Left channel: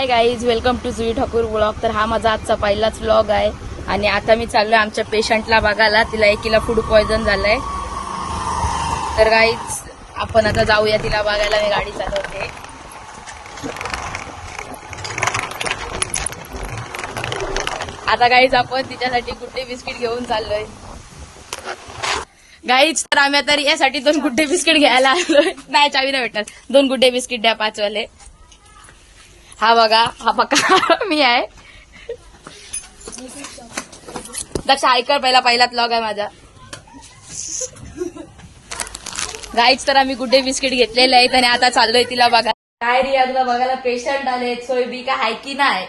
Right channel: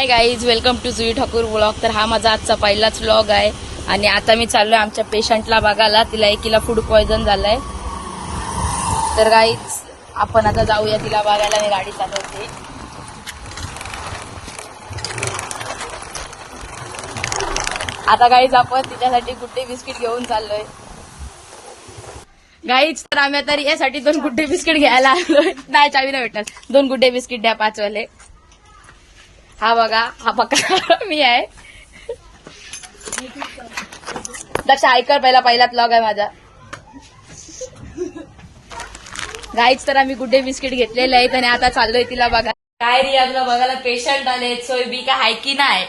High guys, welcome to Jui Thakur vlog. तर हा माझा आजचा पहिलाच व्लॉग आहे आणि आता मी चाललोय आमच्या पेशंटला बघायला. तिला एकीला फूड पॉयझन झालंय. तर गाईज आपण आता जाऊया तिला बघायला. मी गाडी चालवते. आता गाईज आपण तिच्यासाठी गुड्डे बिस्किट घेऊन चाललोय. गाईज तर आम्ही आता यासाठी 2 गुड्डे बिस्किट घ्यायला आलोय. नाही, चावी नाही भेटणार. 2 गुड्डे बिस्किट द्या 5 वाले. हा बघा, हा बघा मी आहे. त्याचा ऐकर पहिलाच व्लॉग आहे माझा. गाईच तर आम्ही गुड्डे बिस्किट घेतलेले आहेत आणि आता चाललोय तिला बघा. काय रिया, तुला बघायला पेशंट आलेत. सोयबी काय हाय की नाही?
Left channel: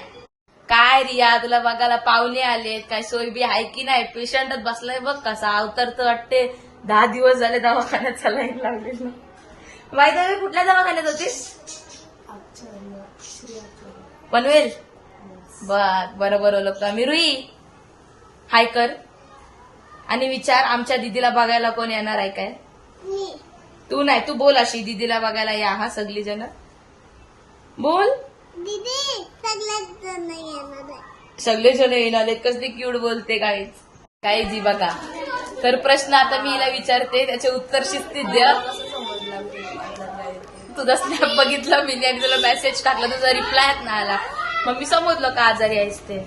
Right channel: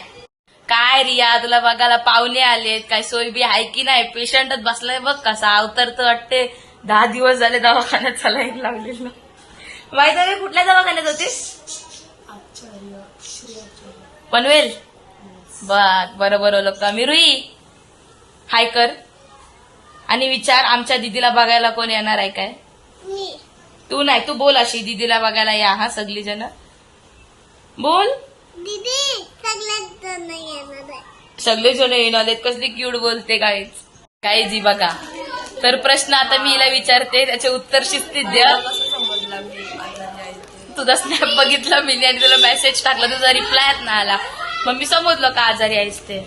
काय रिया, तुला बघायला पाहुणे आलेत. काय सोयबी हाय की नाही? पेशंटच बसलाय बघ कसा अवतरत वाटते. 10 दिवस झाले दवाखान्यात सलाईन लावलेलं. माहित आहे कुठल्या दवाखान्यात होतीस? पनवेल. बरोबर ओळखतो मी. रुई हाय कर आणि विचार आमच्या दीदीला बघायला कोण येणार आहे काय? तू नाही, तू बोल अशी दीदीला बघायला या. हा सगळी जण बोल. दीदी सगळे जण येणार आहे. सगळे जण येणार आहेत. कसली क्यूट बोलते काय जी बघा. तर प्रश्न आता मी हिला विचारते, त्याचे उत्तर शिस्तीत द्या. तुझा स्नॅप बघितला मी आणि तुला मेसेज टाकला, तुझा रिप्लाय ना आला. मग मी समजलं का आजारी आहेस ते.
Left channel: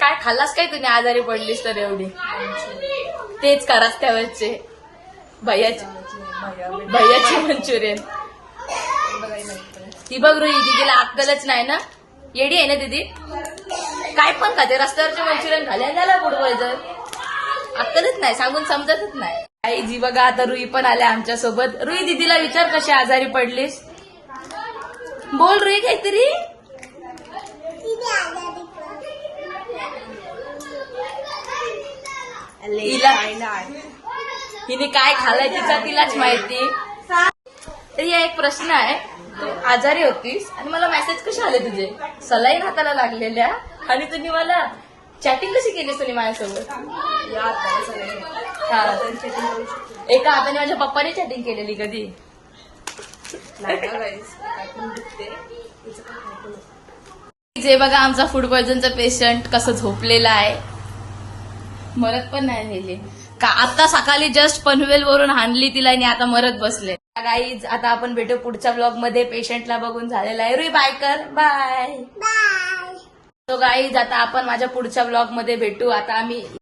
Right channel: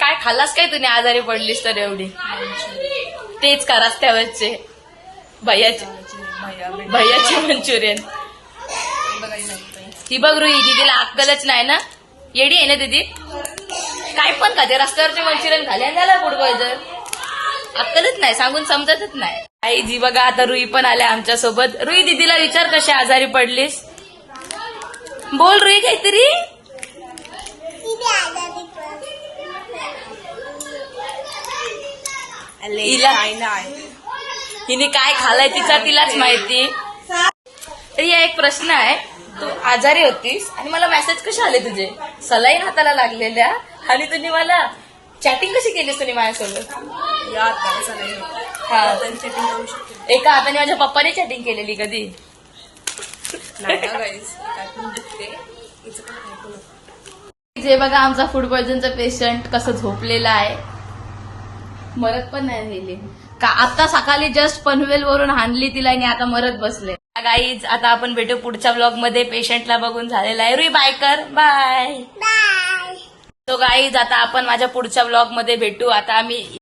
काय खाल्लास काय तुम्ही आजारी पडलीस तर एवढी? तेच का रस्त्यावरचे भैयाचे मंचुरियन. ती बघ रुई, दीदीला अक्कलच नाही ना. येडी आहे ना दीदी? काय पण का ते रस्त्यावरचे मंचुरियन खाले झाला फूड पॉयझन. अक्कलच नाही, सांगून समजतच नाही. आई जी बघा, आता रुई पण आल्या आमच्या सोबत. रुई दीदीला विचार कशी आजारी पडलीस. बोल रुई काहीतरी. हिने काय खाल्लंय तिलाच माहिती. तर या एक प्रश्न आहे, तू आजारी होतीस आणि मला मेसेज कसे आले तुझे? सलाईन हाताला लागलेल्या आणि तुम्ही मला चॅटिंग कशी केलीस तुम्ही माझ्यासोबत? हा, एका हाताने माझ्या पप्पाने चॅटिंग केलेली कधी? जे बघा आमचा फूड पॉयझनचा पेशंट कसं झोपलेला आहे. मरत पण नाही का. आता सकाळी जस्ट पनवेल वरून हाणली तिला आणि आता मरत बसले. गाईज आता आपण भेटू पुढच्या ब्लॉग मध्ये. पेशंटला बघून झालेला आहे. रुई बाय कर. बाय. बाय. तो गाईज आता आपण माझ्या पुढच्या ब्लॉग मध्ये भेटू. आता आम्ही